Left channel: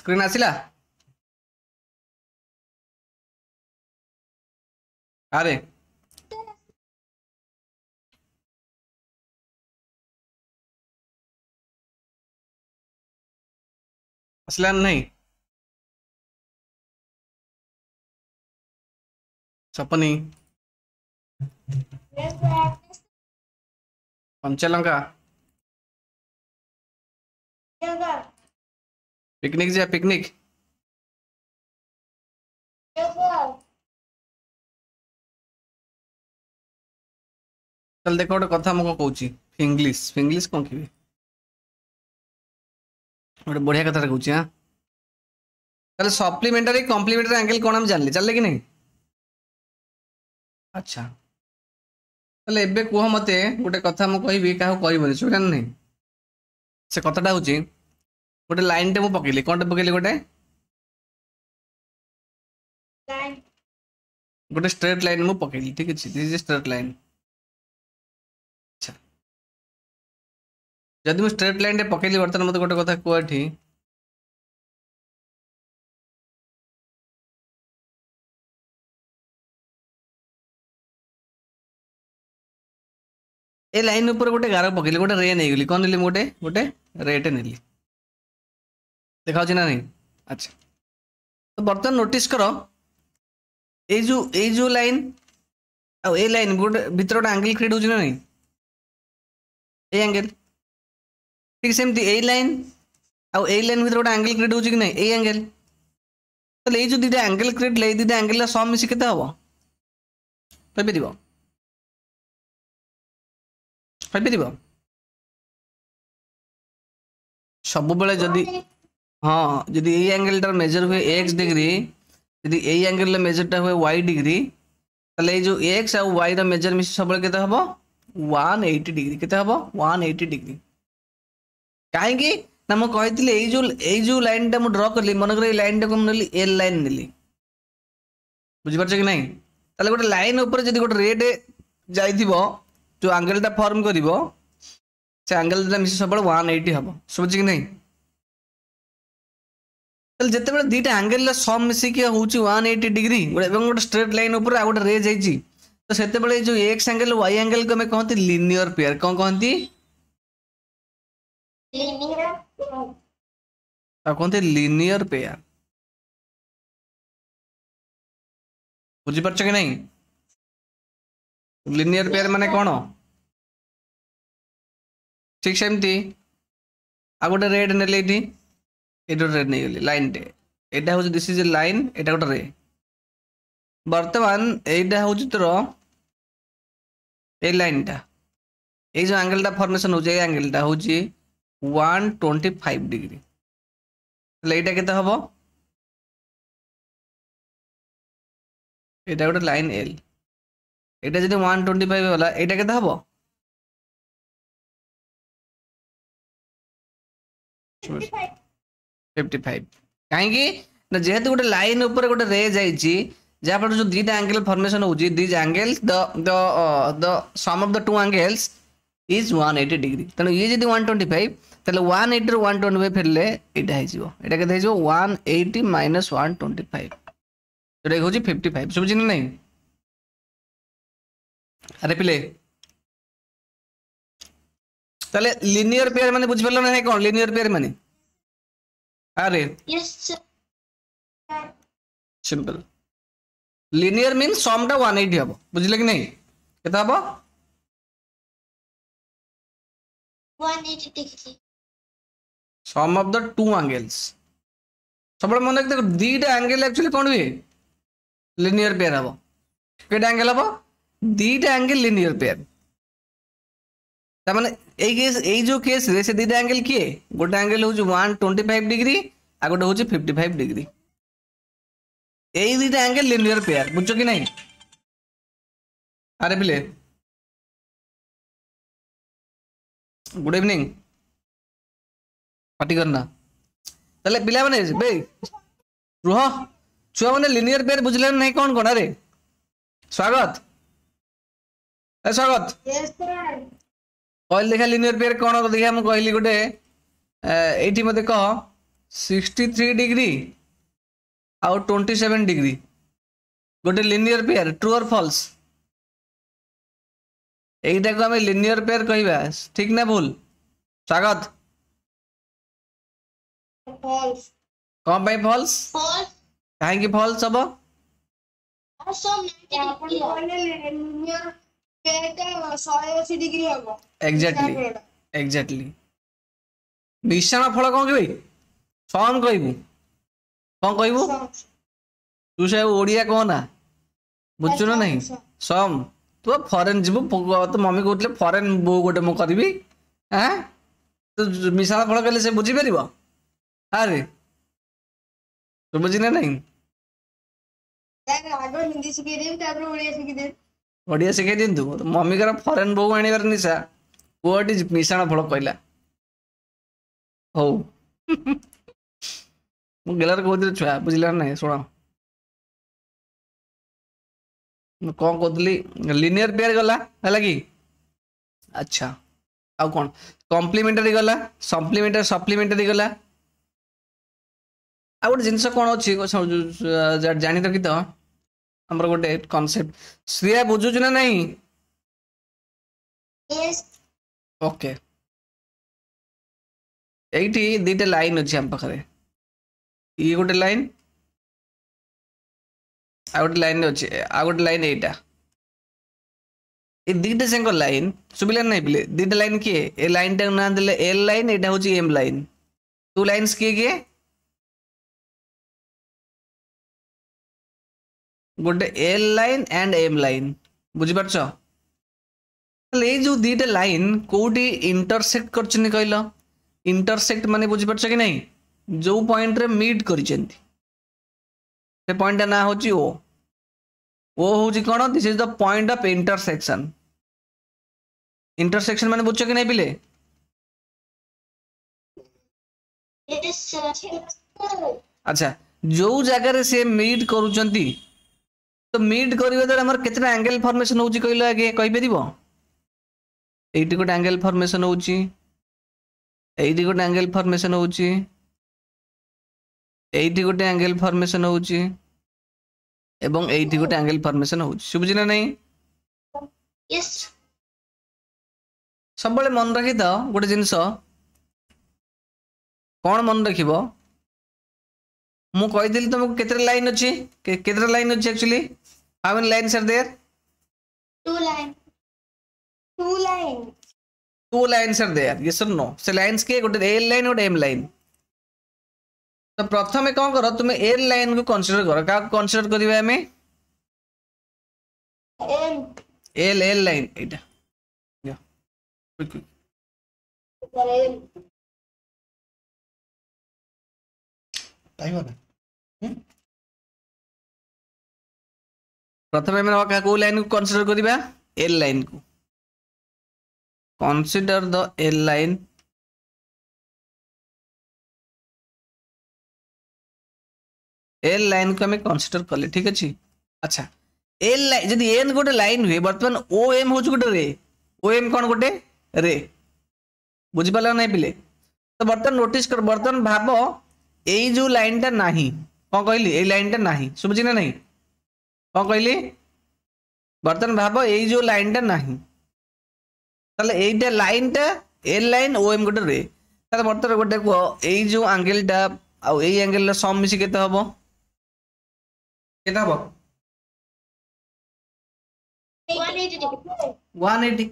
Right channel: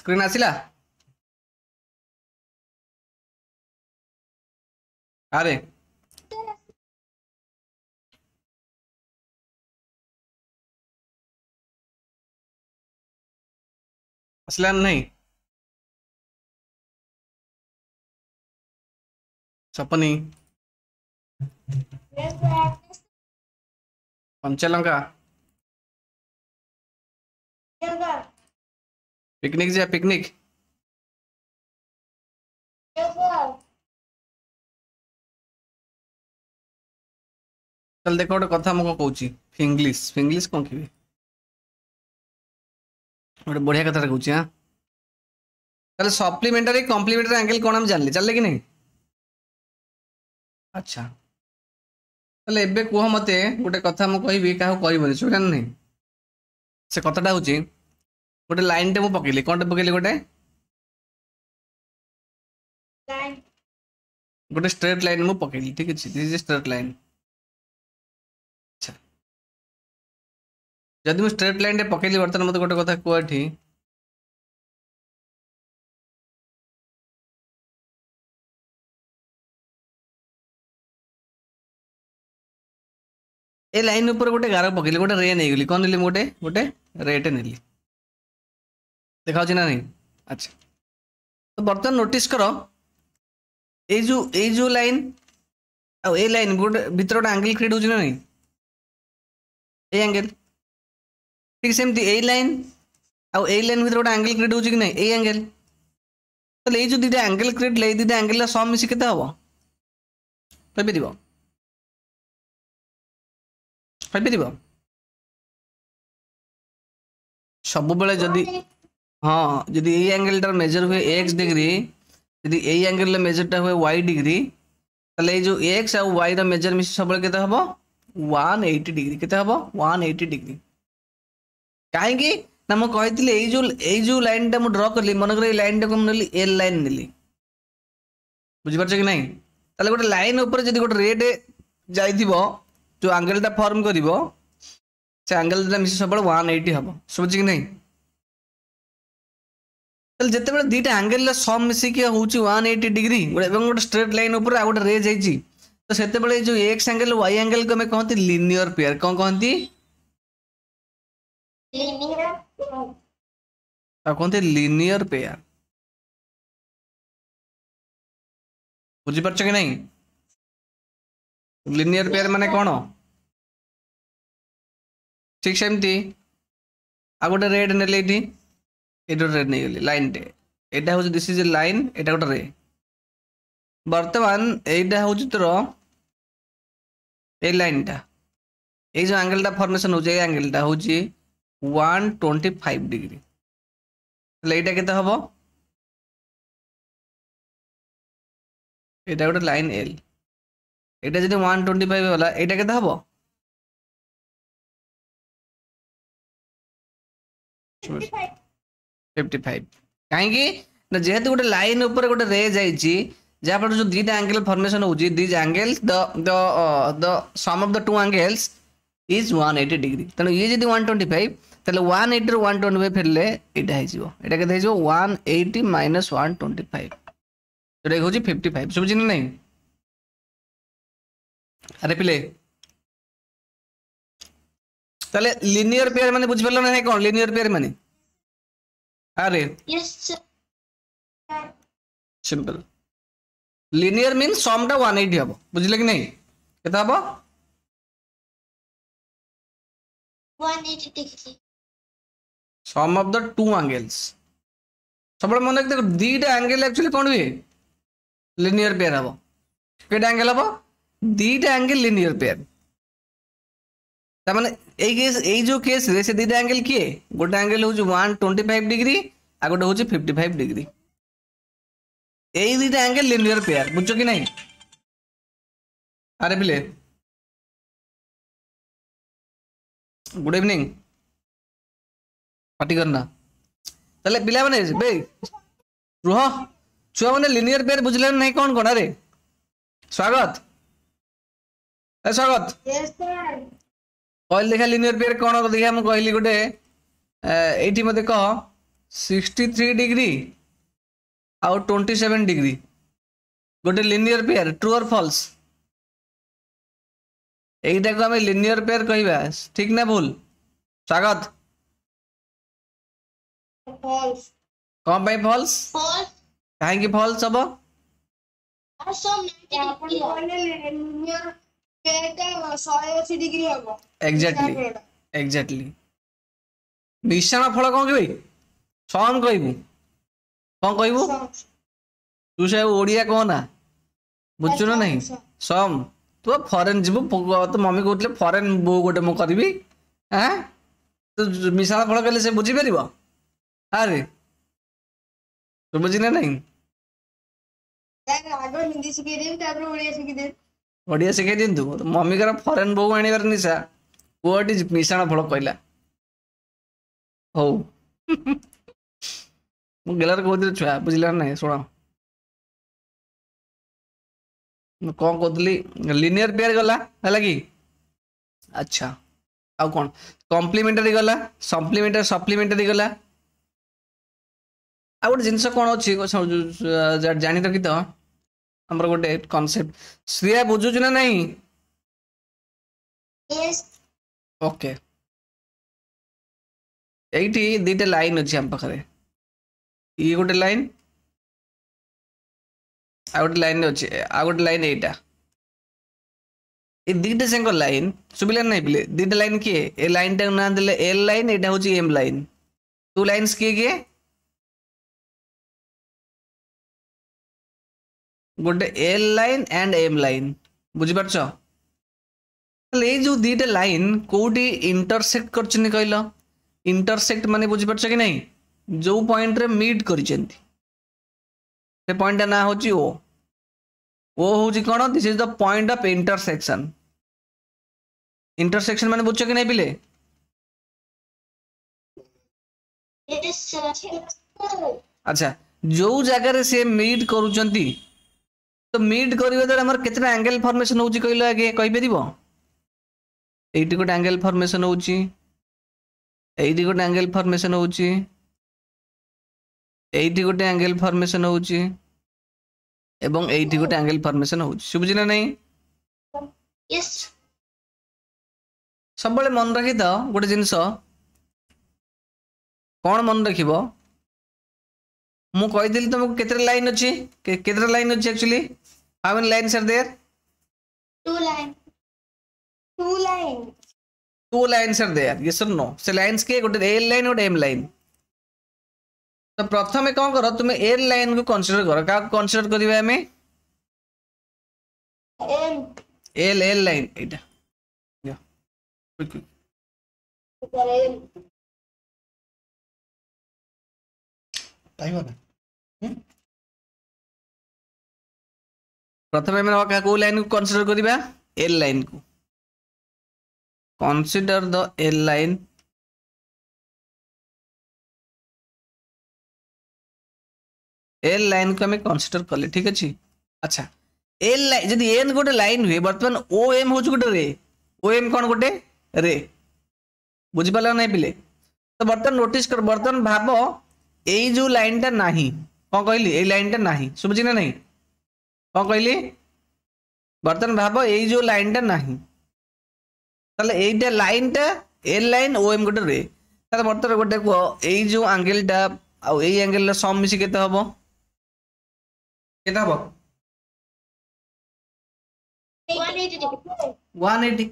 screen आसिला अरे असला नहीं सपनी पंचलंका पिकनिक जा पिकनिक चल देख गोटे कथा मुझे कहूँ फिंग्लिश फिंग्लिश कौन कि गोटे बढ़िया कथा कहूँ हाँ ताले सप्लीमेंटारी कॉम्प्लीमेंटारी एंगल कौन हम जानले चल कि नहीं अच्छा ताले एबे कुह मते गोटे कथा मु कहबी काहू कहबनी सुना नहीं से कथाटा हूँ गोटे लाइन टे मु पकेली कौन पकेली गोटे गोटे स्ट्रेट लाइन मु पकेली ठीक है दिस इज स्ट्रेट लाइन अच्छा जदि मु स्ट्रेट लाइन टे पकेली बर्तमान मते गोटे कथा कहठी ए लाइन ऊपर गोटे गार पकेली गोटे रे नहीं गली कौन नेली गोटे गोटे रेटे नेली देखा ना नहीं अच्छा तो बर्तमान नोटिस कर जो लाइन आ ए लाइन गोटे भीतर गोटे एंगल क्रिएट होची ना नहीं ए एंगल ठीक सेमती ए लाइन आ ए लाइन भीतर गोटे एंगल क्रिएट होची कि नहीं ए एंगल तो ये जो दुटा एंगल क्रिएट ले दुटा एंगल सम मिसी केते हबो कहि दिबो सब बेले जदि हाँ जदि ए एंगल टार मेजर हुए x डिग्री जदि ए एंगल मेजर टा हुए y डिग्री ताले जो x आ y रा मेजर मिसी सब बेले केते हबो 180 डिग्री केते हबो 180 डिग्री काहे कि ना म कहितले ए जो लाइन टा म ड्रा करली मन करे लाइन टा को नेली एल लाइन नेली बुझि परछ कि नहीं ताले गोटे लाइन ऊपर जदि गोटे रेड जाइथिबो जो एंगल टा फॉर्म करिवो से एंगल टा मिसी सब 180 हबो समझ कि नहीं तल जते बेले दीटा एंगल सम मिसी के होची 180 डिग्री एवं गोटे स्ट्रेट लाइन ऊपर आ गोटे रे जाइची तो सेते बेले जो एक्स एंगल y एंगल को में कहते लीनियर पेयर कौन कहती कहते लीनियर पेयर बुझी परछ कि नहीं लीनियर पेयर माने कौन ठीक सेमती आ गोटे रेड नेले एटी रेड नहीं गली लाइन टे एटा हूँ दिस इज ए लाइन एटा गोटे रे बर्तमान एटा हूँ तोर ए लाइन टा ए जो एंगल टा फॉर्मेशन हो जाए एंगल टा हूँ 125 डिग्री ताले एटा केते हबो एटा गोटे लाइन एल एटा जदि 125 होला एटा केते हबो 55 काहेकि ना जेहेतु गोटे लाइन ऊपर गोटे रे जाइची जहाँ पर जो दीटा एंगल फॉर्मेशन होची this angle the sum of the two angles is 180 degree तने ये जदि 125 तले 180 रो 125 फेरले एटा हे जिवो एटा केते हे जिवो 180 माइनस 125 तो देखो जी 55 समझ नहीं अरे पिले ताले लीनियर पेयर माने बुझ परलो ना कौन लीनियर पेयर माने अरे सिंपल लीनियर मीन सम टा 180 हबो बुझले कि नहीं केता हबो 180 degree sum of the two angles सब मन देखो दीटा एंगल एक्चुअली कौन हुए लीनियर पेयर हबो केटा एंगल हबो दीटा एंगल लीनियर पेयर ता माने ए जो केस रे से दीटा एंगल किए गोटे एंगल हो 125 डिग्री आ गोटे हो 55 डिग्री ए दीटा एंगल लीनियर पेयर बुझो कि नहीं अरे बिले गुड इवनिंग पार्टी करना तले पिला माने बे रुह छुआ माने लीनियर पेयर बुझले नहीं कौन कौन अरे स्वागत ए स्वागत कहली देखा लीनियर पेयर कौन देखा मुझे कहली गोटे ये मत कह 63 डिग्री आउ 27 डिग्री गोटे लिनियर पेयर ट्रू और फॉल्स एटा को आम लिनियर पेयर कहवा ठीक ना भूल स्वागत false कौन पाई फॉल्स false कहीं फॉल्स हम और सब 90 डिग्री लिनियर पेयर का 180 डिग्री होगा एग्जैक्टली एग्जैक्टली मिश्रण फल कौन कह सम कहबू कौन कहबू तू से ओडिया कह ना बुझु ना नहीं सम तू फरेन जीवु तो मम्मी कहते फरेन बो गोटे मु करी हाँ तू मिश्रण फल कहले से बुझीपर अरे तू बुझी ना नहीं आगे हिंदी शिखेदेवी तापर ओडिया शिखेदेवी ओडिया शिखाई दिंतु मम्मी कर फरेन बो आनिबार निशा पुअटी मिश्रण फल कहला हौ मु गेलार कहती छुआ बुझला ना शुण कौन कहली लिनियर पेयर गला है कि अच्छा आउ कौन कम्प्लीमेंटरी गला सप्लीमेंटरी सप्लीमेंटरी गला आ गोटे जिनस कौन अच्छी जानी रखी तो हमर गोटे कॉन्सेप्ट श्रेया बुझुच ना नहीं यस ओके एठी दीटा लाइन अच्छी हम पाखे ये गोटे लाइन आ गोटे लाइन अच्छे आ गोटे लाइन एटा ए दीटा संग लाइन सुबिला नहीं पिले दीटा लाइन किए ए लाइन टा ना देले एल लाइन एटा होची एम लाइन टू लाइंस किए गोटे L line and M line बुझी पारछ ये जो दीटा लाइन कोटी इंटरसेक्ट करछनी कहलो इंटरसेक्ट माने बुझी पारछ कि नहीं जो पॉइंट रे मीट करिसेंती से पॉइंट ना होची ओ होची कोन this is the point of intersection intersection माने बुझछ कि नहीं पिले यस अच्छा जो जगह रे से मीट करूचंती तो मीट करिवे द्वारा हमर केतना एंगल फॉर्मेशन होची कहलो आगे कहि परिबो एटी गोटे एंगल फॉर्मेशन होची एटी गोटे एंगल फॉर्मेशन होची एटी गोटे एंगल फॉर्मेशन होची एवं एटी गोटे एंगल फॉर्मेशन होची सुबुझी ना नहीं यस सब बड़े मन रखी तो गोटे जिनस कौन मन रखिबो मु कहिदिली तुमको केतरा लाइन अछि केतरा लाइन अछि actually how many lines are there two line two lines are there yes और नो से लाइन्स के गोटे एल लाइन और एम लाइन तो प्रथम कौन कर तुम एल लाइन को कंसीडर कर का कंसीडर करिवे हमें एम एल एल लाइन एटा या एम टाइम हो प्रथम में को लाइन को कंसीडर करिवा एल लाइन को consider the L line L line को हमें कंसीडर कले ठीक अच्छे अच्छा एल लाइन जदि एन गोटे लाइन हुए बर्तमान ओ एम हूँ गोटे रे ओ एम कौन गोटे रे बुझिपार नहीं पिले तो बर्तमान नोटिस कर बर्तमान भाव यही जो लाइन टा नहीं कौन कहली ये लाइन टा नहीं सुबुझी ना नहीं कौन कहली बर्तमान भाव यही जो लाइन टा नहीं ताले एटा लाइन टा एल लाइन ओ एम गोटे रे ताले बर्तमान गोटे कह यही जो एंगल टा आ यही एंगल सम मिसी केते हबो केते हबो 180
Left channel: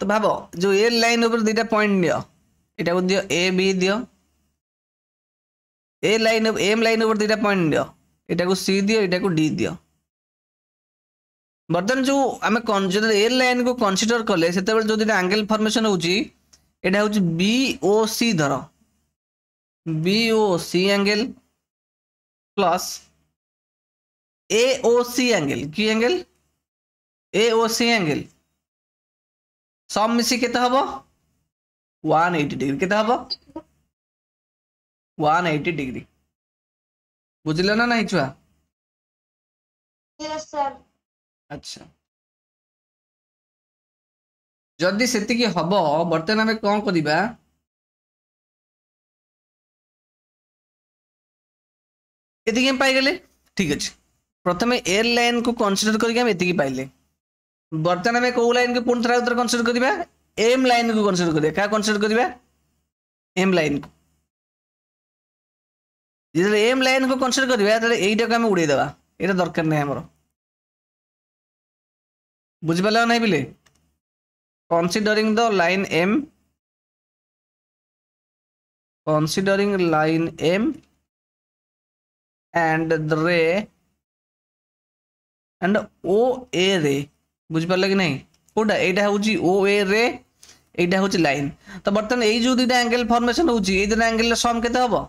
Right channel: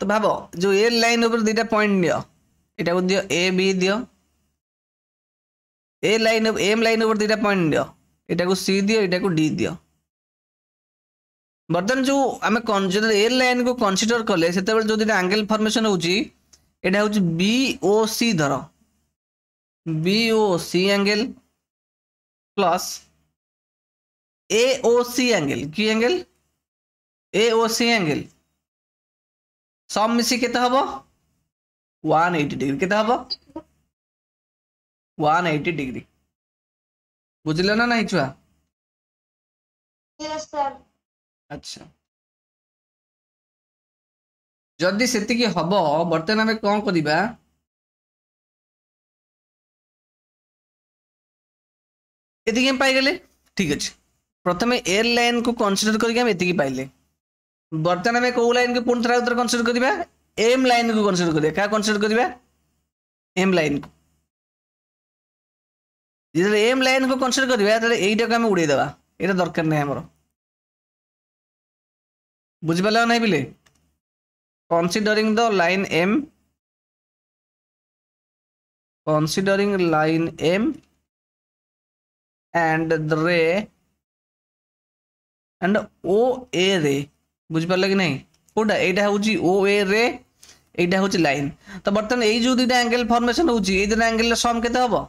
तो भाव जो एल लाइन ऊपर दुटा पॉइंट दियो एटा को दियो ए बी दियो ए लाइन एम लाइन ऊपर दुटा पॉइंट दियो एटा को सी दियो एटा को डी दियो बर्तमान जो आम जो एल लाइन को कंसीडर कले से जो दुटा एंगल फॉर्मेशन होची एटा होची बी ओ सी धर B O C angle plus A O C angle की angle A O C angle सब मिसी केते हबो 180 डिग्री केते हबो 180 डिग्री बुझले ना नहीं छुआ यस सर अच्छा जदि सेतिकी हबो बर्तमान आमे कोन करिबा एतिकी हम पाइगले ठीक अच्छे प्रथम एल लाइन को कंसीडर करके हम एतिकी पाइले बर्तमान आम कौ लाइन को पुणी थोड़ा उत्तर कंसीडर करवा एम लाइन को कंसीडर करवा क्या कंसीडर करवा एम लाइन को जो एम लाइन को कंसीडर करवा यहीटा को आम उड़ेदेवा ये दरकार नहीं आमर बुझिपार ना पिले considering the line M considering line M and the ray and OA ray बुझिपार कि नहीं कोटा एटा होची OA रे एटा होची लाइन तो बर्तमान एई जो दुटा एंगल फॉर्मेशन होची एई दुटा एंगल सम केते हबो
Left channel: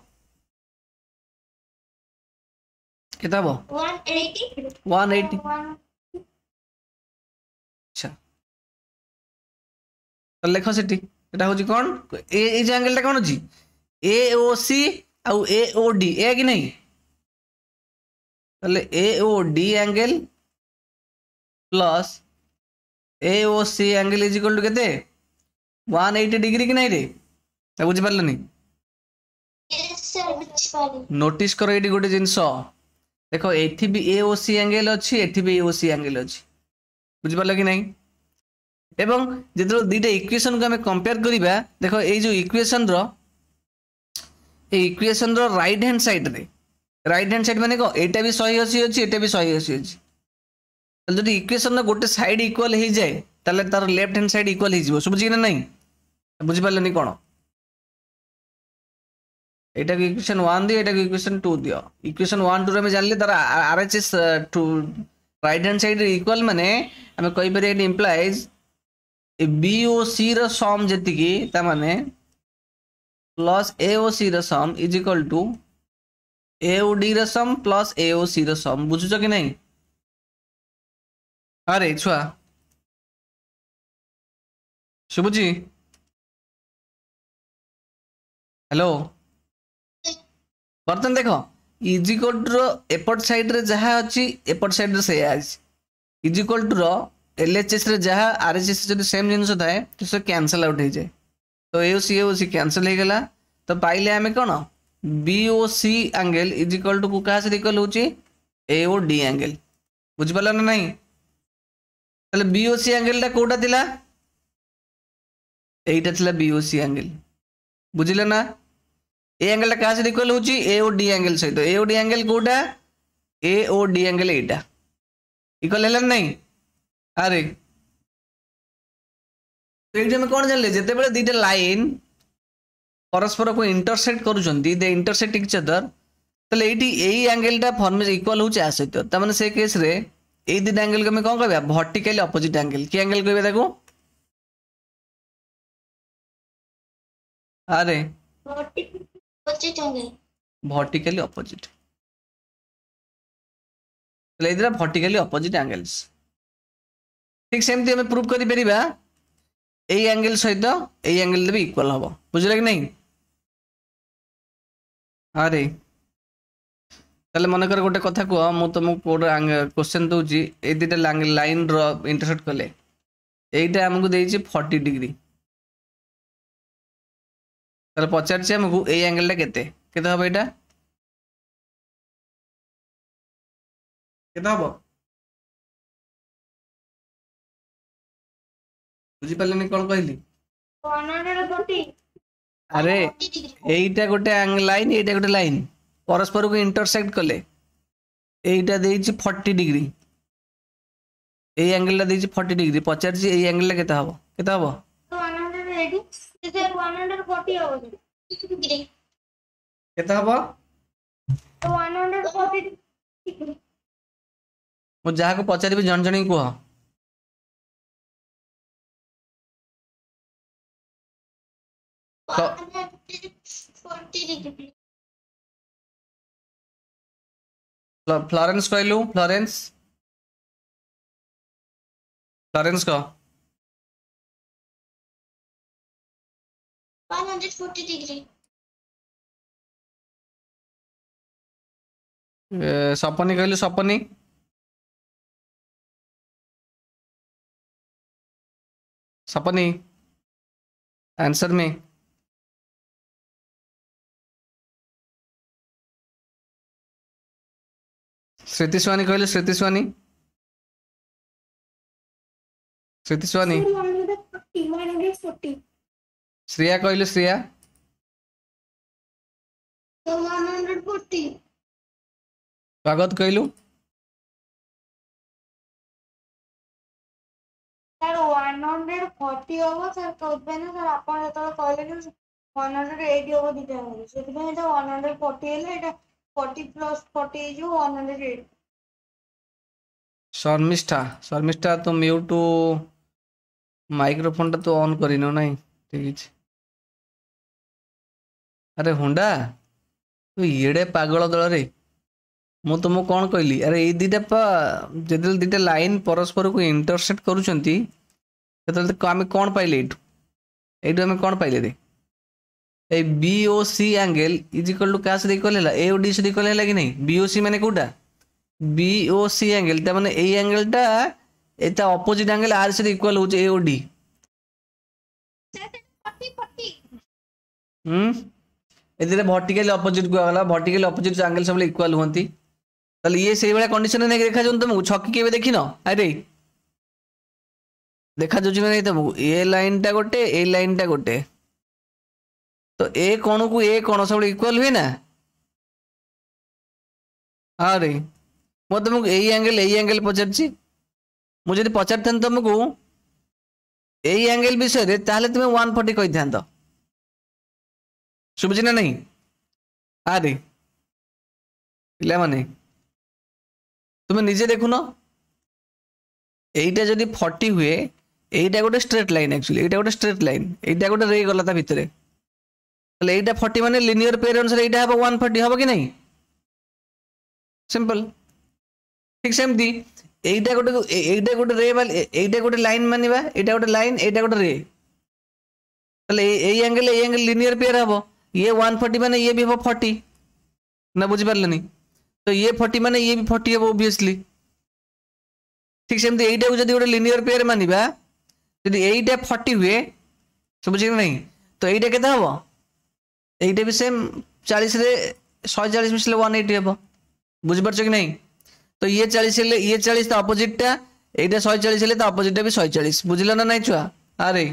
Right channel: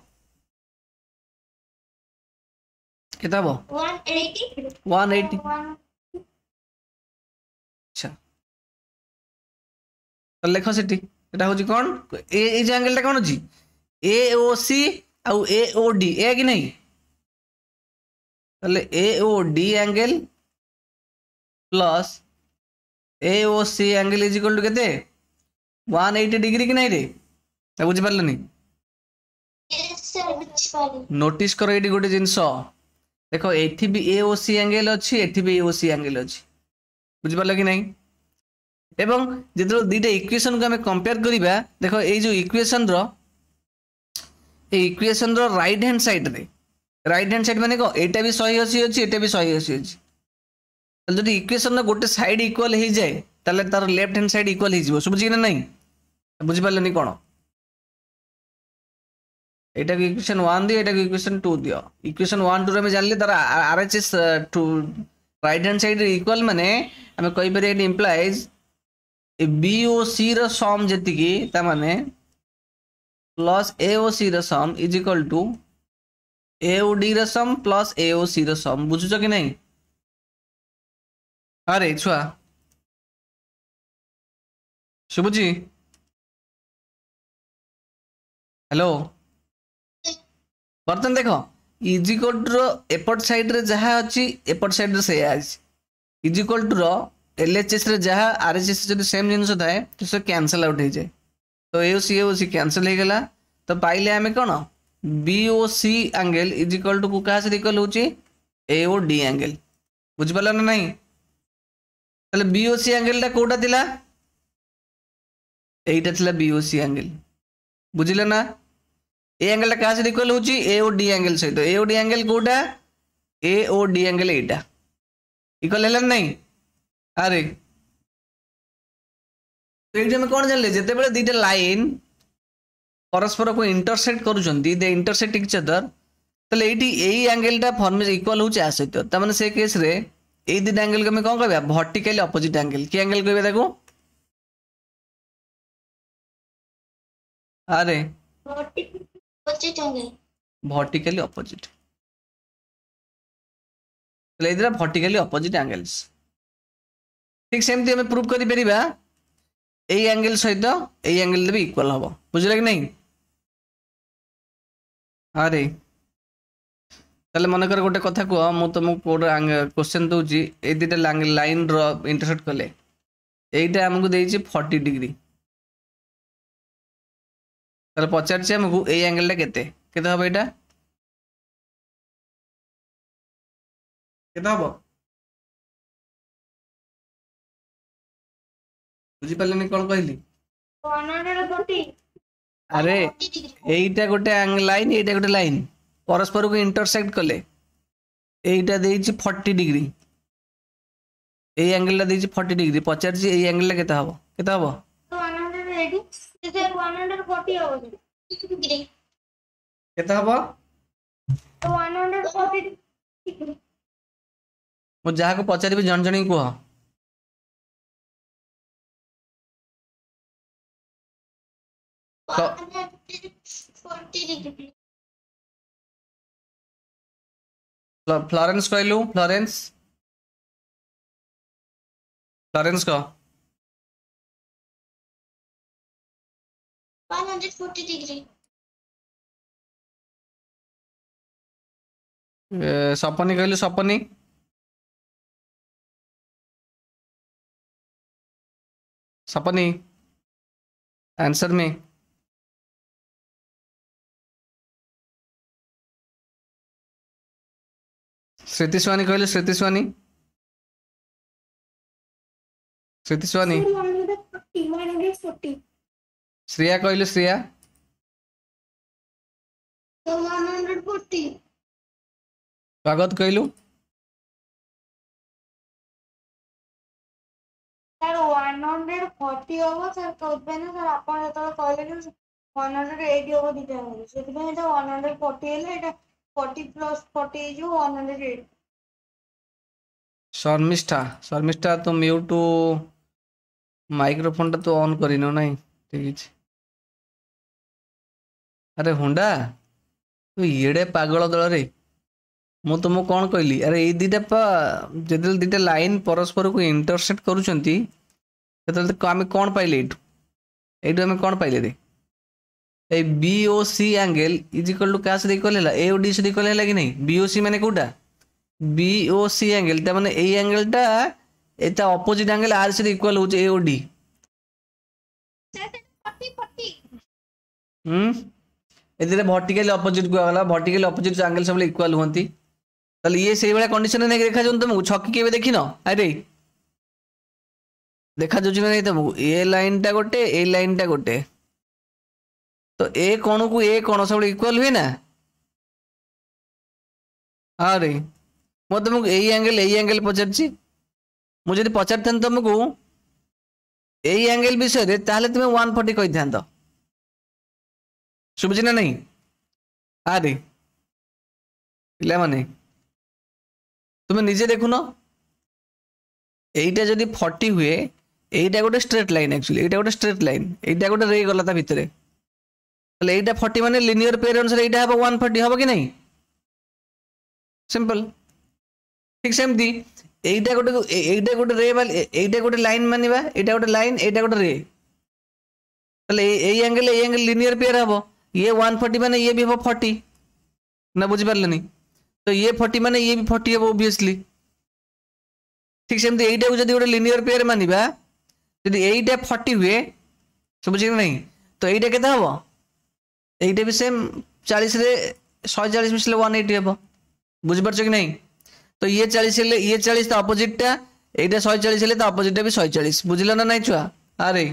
केते हबो 180 अच्छा तो लेख सेठी एटा होची कोन ए जे एंगल टा कोन होची AOC आउ AOD ए कि नहीं तले AOD angle plus AOC angle is equal to केते 180 डिग्री कि नहीं रे बुझी पारलनी नोटिस करो एटी गोटे जिनस देखो एठी भी AOC एंगल अच्छी एठी भी AOC एंगल अच्छी बुझी पारल कि नहीं एवं जो दुईटा इक्वेशन को आम कंपेयर करवा देखो ये जो इक्वेशन राइट हैंड साइड माने को एटा भी 180 अच्छी एटा भी 180 अच्छी जो इक्वेशन गोटे साइड इक्वल हो जाए ताले तार लेफ्ट हैंड साइड इक्वल हो बुझी ना नहीं बुझी पारे कौन एटा को इक्वेशन 1 दियो एटा को इक्वेशन 2 दियो इक्वेशन 1 2 रे जानले तार RHS to right hand side equal माने हमें कहि परिया इट इंप्लाइज BOC रो सम जेतिकी ता माने प्लस AOC रो sum is equal to AOD रो सम प्लस AOC रो सम बुझुछ कि नहीं अरे छुआ शुभुजी हेलो बर्तन देख इज इक्वल टू एपट साइड रे जहा अछि एपट साइड रे से इज इक्वल टू रो LHS रे जहा RHS जब सेम जिनस थाए तो से कैंसल आउट हो जाए तो AOC कैंसल हो गला तो पाइले आमे कोन BOC angle is equal to कुका से इक्वल होची AOD एंगल बुझ पाला ना नहीं तले BOC एंगल ता कोटा थिला एटा थिला BOC एंगल बुझिले ना ए एंगल ता का से इक्वल होची AOD एंगल सहित AOD एंगल कोटा AOD एंगल एटा इक्वल हैला नहीं अरे तो ये कौन जानले जिते बेले दीटा लाइन परस्पर को इंटरसेक्ट करूछंती दे इंटरसेक्ट इच अदर तले एटी एई एंगल ता फॉर्मेशन इक्वल होचे आ सहित त माने से केस रे एई दीटा एंगल के हम कोन कहबा वर्टिकली ऑपोजिट एंगल की एंगल कहबे ताको अरे वर्टिकली ऑपोजिट तले इधर वर्टिकली ऑपोजिट एंगल्स ठीक सेमती हमें प्रूव करि परिबा एई एंगल सहित एई एंगल भी इक्वल हबो बुझले कि नहीं अरे ताले मन कर गोटे कथा को मु तुम कोड क्वेश्चन दोची ए दिटा लाइन रो इंटरसेक्ट कले एईटा हमकु देइछि 40 डिग्री ताले पचार छी हमकु एई एंगल टा केते हबो एटा केते हबो बुझी पाले कौन कहली अरे एईटा गोटे लाइन एईटा गोटे लाइन परस्पर को इंटरसेक्ट कले एईटा देइछि 40 डिग्री एई एंगल ला देइछि 40 डिग्री पचार छी एई एंगल ला केते हबो 140 केते हबो 140 मु जहा को पचारिबी जन जणी को फ्लोरेंस कहलु फ्लोरेंस कह 140 डिग्री सपनी कहलु सपनी आंसर में श्रुति स्वानी कहले श्रुति स्वानी श्रुति स्वानी 140 श्रेया कहले श्रेया 140 स्वागत कहलु सर 140 होबो सर कहबे ना सर आपण जतले कहले कि 180 होबो दिटा होबो सेति पे एटा 140 हेले एटा 40 प्लस 40 जो 180 शर्मिष्ठा शर्मिष्ठा तो म्यूट माइक्रोफोन टा तो ऑन करिनो नहीं ठीक है अरे हुंडा तू येड़े पागल दल रे मु तुमको कौन कहली अरे ये दीटा जो दीटा लाइन परस्पर को इंटरसेक्ट करूछंती तो आम कौन पाइले एटू आम कौन पाइले रे A BOC angle is equal to क्या से इक्वल है एओडी से इक्वल है कि नहीं बीओसी माने कोटा बीओसी एंगल ता माने ए एंगल टा एटा ऑपोजिट एंगल आर से इक्वल हो एओडी एदिरे वर्टिकल ऑपोजिट को गला वर्टिकल ऑपोजिट एंगल सब इक्वल होंती ताले ये सेही वाला कंडीशन ने देखा जोन तुमको छक्की केबे देखिनो अरे देखा जो नहीं तुमको ए लाइन टा गोटे ए लाइन टा गोटे तो ए कोण को ए कोण सब इक्वल हुए ना अरे मो तुमको ए एंगल पचारछि मुझे पचार तुमको ए एंगल विषय ताहले तुम 140 कहि थांतो सुबुझी ना नहीं अरे पिला माने तुम निजे देखुन एटा जदि 40 हुए एटा गोटे स्ट्रेट लाइन एक्चुअली एटा गोटे स्ट्रेट लाइन एटा गोटे रे गला ता भितरे तले एटा 40 माने लिनियर पेयर अनुसार एटा हबो 140 हबो कि नहीं सिंपल ठीक सेमती एटा गोटे रे वाल एटा गोटे लाइन मानिबा एटा गोटे लाइन एटा गोटे रे तले ए एंगल लिनियर पेयर हबो ये 140 माने ये भी हबो 40 ना बुझी पारलनी तो ये 40 माने ये भी 40 है ऑब्वियसली ठीक सेमती एटा जदि गोटे लिनियर पेयर मानिबा जदि एटा 40 हुए समझि नहीं तो एटा केते हबो एटा भी सेम 40 रे 140 मिसले 180 हबो बुझि परछ कि नहीं तो ये 40 ले ये 40 तो ऑपोजिट टा एटा 140 ले तो ऑपोजिट टा भी 140 बुझिलो ना नहीं छुआ अरे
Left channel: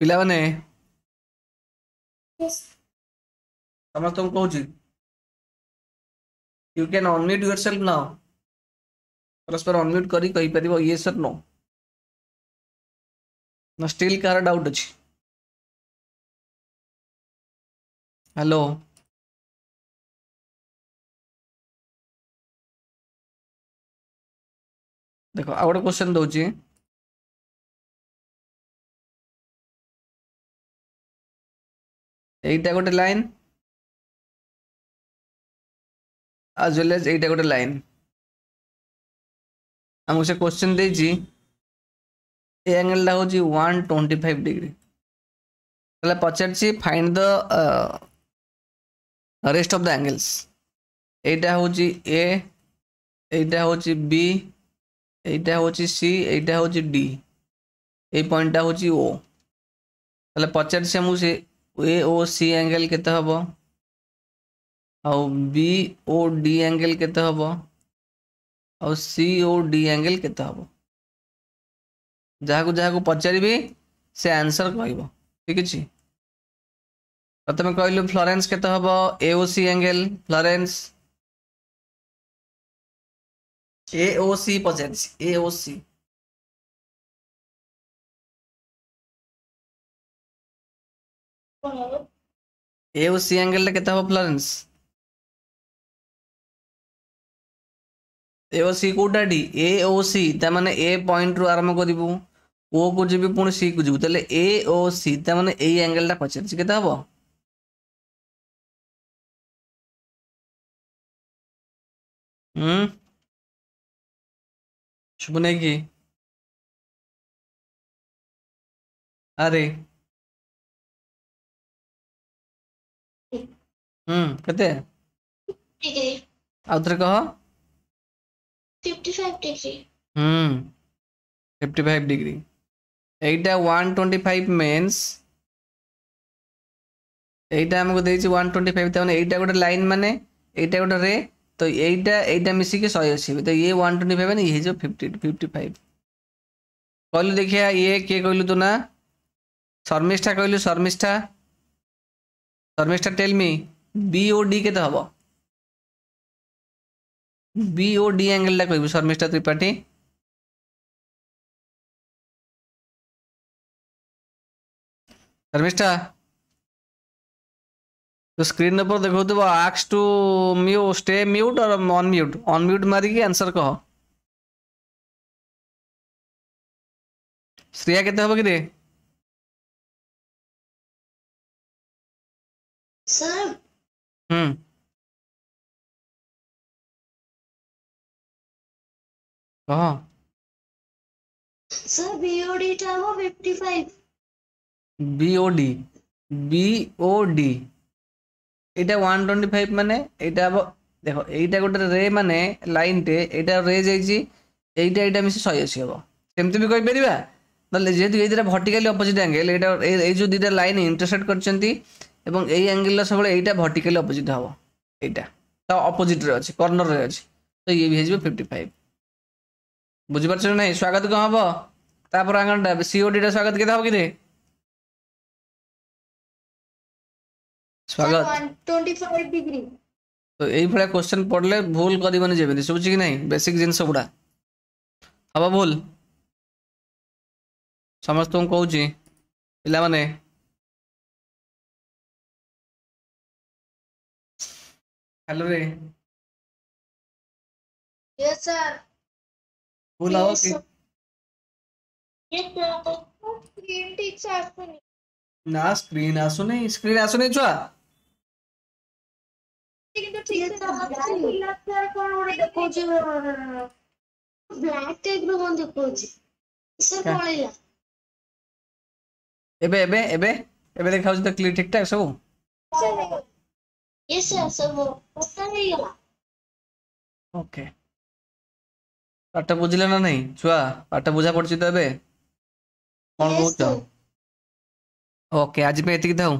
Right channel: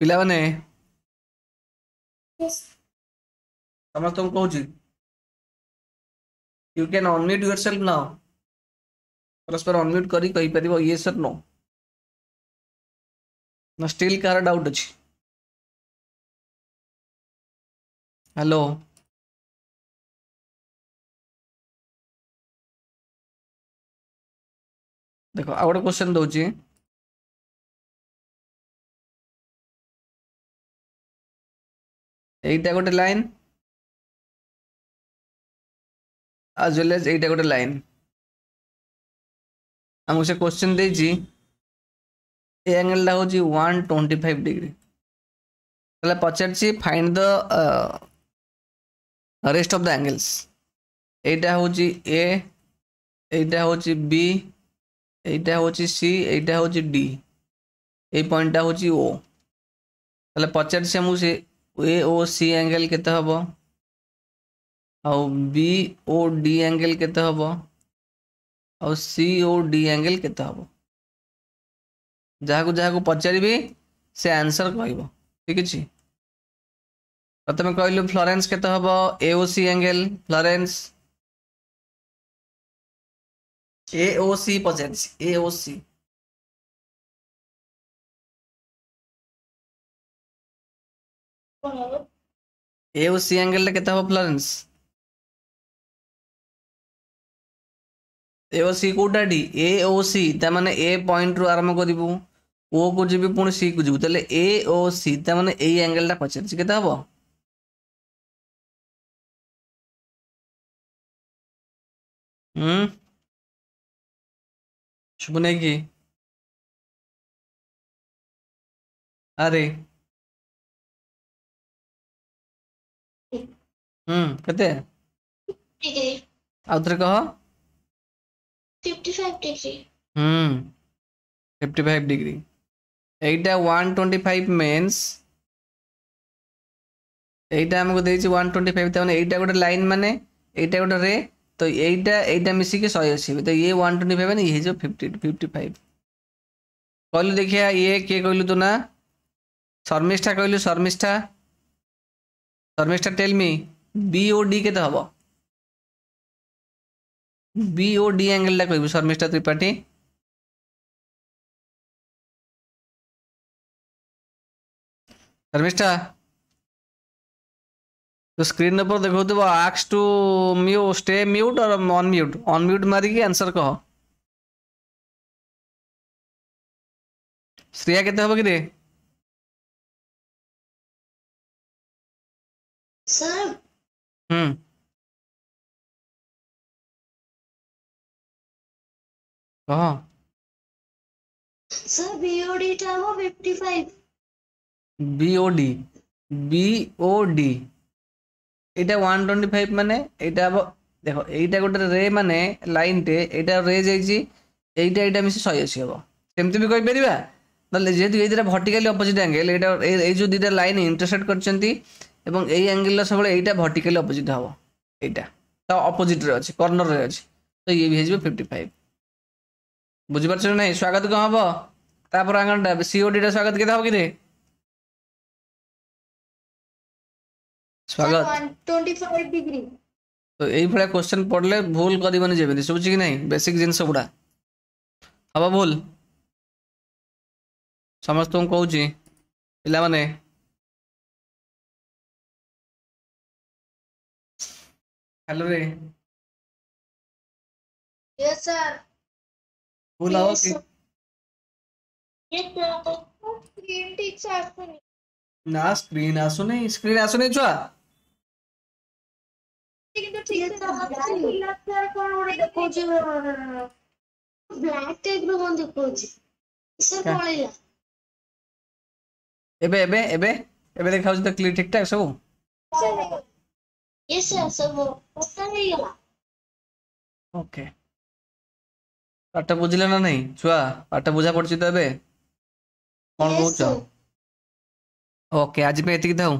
पिला माने समझ तुम कहूँ you can unmute yourself now परस्पर अनम्यूट करी कहि परिबो ये सर नो ना स्टिल कार डाउट अछि हेलो देखो आ गोटे क्वेश्चन दउची एटा गोटे लाइन as well as एटा गोटे लाइन हमको से क्वेश्चन देजी ए एंगल ला होची 125 डिग्री पहले पचारछि find the rest of the angles एटा होची ए एटा होची बी एटा होची सी एटा होची डी ए पॉइंट होची ओ पहले पचारछि हमको से ए ओ सी एंगल केते हबो और बी ओ डी एंगल केते हबो और सी ओ डी एंगल केते हबो जहाको पचारिबे से आंसर कहबो ठीक अछि प्रथम कहलु फ्लोरेंस केते हबो एओसी एंगल फ्लोरेंस एओसी पचारिछि एओसी एओसी एंगल केते हबो फ्लोरेंस एओसी कोटाडी एओसी ता माने ए पॉइंट रु आरंभ करिवु ओ को जिबि पुणी सी को जिबु तले एओसी ता माने ए एंगल टा पछे केते हबो शुभ नहीं की अरे केते डिग्री आउथरे कहो 55 डिग्री 55 डिग्री एटा 125 means এইটা আমাকে ଦେଇଛି 125 ତାମାନେ এইটা ଗୋଟେ ଲାଇନ ମାନେ এইটা ଗୋଟେ ରେ ତ এইଟା ମିଶିକି 180 ତ ଇଏ 125 ମାନେ ଇଏ ହେଇଯିବ 55 କହିଲୁ ଦେଖିଆ ଇଏ କିଏ କହିଲୁ ତୁ ନା ଶର୍ମିଷ୍ଠା କହିଲୁ ଶର୍ମିଷ୍ଠା ଟେଲ୍ ମି BOD କେତେ ହବ BOD ଆଙ୍ଗେଲ ଟା କହିବୁ ଶର୍ମିଷ୍ଠା ତ୍ରିପାଠୀ ଶର୍ମିଷ୍ଠା तो स्क्रीन पर देखो तो आक्स टू म्यूट स्टे म्यूट और ऑन म्यूट मारिकी आंसर कह श्रेया केते हबो कि रे सर कह सर BOD टा हो 55 BOD এটা 125 মানে এটা হবো দেখো এইটা গোটে রে মানে লাইন टे এইটা রে যাইছি এইটা মিশি 180 হবো সেমতি भी কই परिबा মানে যেহেতু এই দুটা ভার্টিক্যালি অপোজিট অ্যাঙ্গেল এটা এই যে দুইটা লাইন ইন্টারসেক্ট করছন্তি এবং এই অ্যাঙ্গেল লা সবলে এইটা ভার্টিক্যালি অপোজিট হবো এইটা তা অপোজিট রে আছে কর্নার রে আছে তো ইয়ে भी হেজিবো 55 বুঝি পারছ না স্বাগত কম হবো তারপর আঙ্গলটা COD টা স্বাগত কেতে হবো কি রে स्वागत 125 डिग्री तो यही भाया क्वेश्चन पढ़ले भूल करबनी जेबे सुबुची कि नहीं बेसिक जिनस गुड़ा हम भूल समस्त कहूँ पिला माने हेलो रे यस सर भूल आओ कि स्क्रीन ठीक से आसुनी ना स्क्रीन आसुनी छुआ কিন্তু ঠিক আছে সর কোন ওরে দেখোছি ব্ল্যাক টাইপ ର কোন দেখোছি সর পଳେଇଲା एबे देखाउछ त क्लियर ठीक ठाक सब यस सर सब ओपन ହେଇଗଲା ओके पाठ बुझिले ना नहीं छुआ पाठ बुझा पड़छि त एबे कोन कहउछ ओके आज पे एतिक थाऊ